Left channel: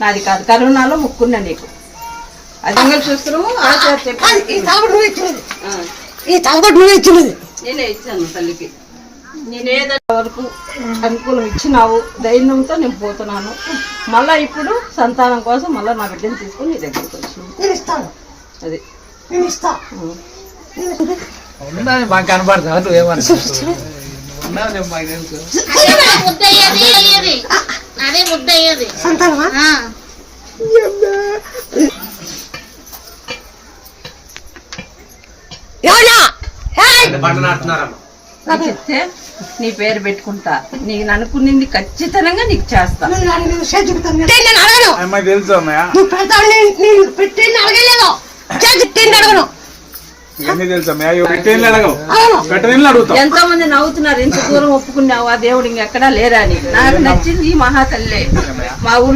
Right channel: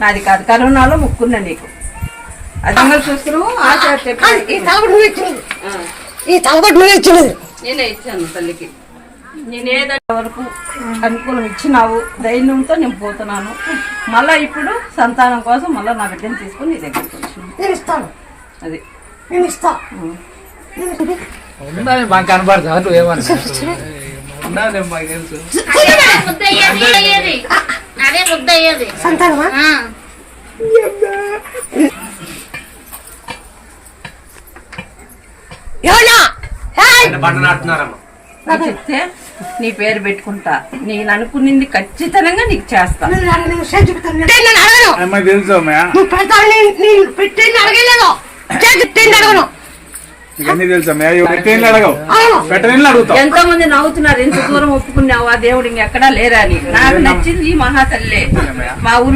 నాది కాదు, కరోనాలో ముక్కున్నా నీకు. అది మంగళసూత్రము ఆచార్య చెప్పాను. ఈ తలగొట్టు నువ్వే ఇచ్చినది. నేనే ఇచ్చాను తల్లికి. నేనేదో వరకు అనుకూలం ఇచ్చినావు, ధైర్యంతో నేను పోతున్నాను. మళ్ళీ ఇప్పుడు సంతానం కోసం మళ్ళీ నా బిడ్డను తీసుకుని నీ దగ్గరికి వచ్చినాను. నేను ఇస్తాను, అది నేను ఇస్తా. మాకు కనబడతా నువ్వేమన్నా సంతానమా? చెప్తే నీ పేరు పెట్టుకుంటా, నేను అనుకునింది ఖచ్చితంగా నీకు చేస్తా. తెలుసు నువ్వు పెడతావు, నేను పెట్టింది అడగలేదు, పెట్టింది అడగను. ఎంతో మంది నవ్వుతున్నారు, ఇంత దూరం ఒప్పుకున్నావు ఆ దేవుడు ఇంకెక్కడా లేరా అని. నాకు నచ్చింది ఈ మహాతల్లే. మా ఊర్లో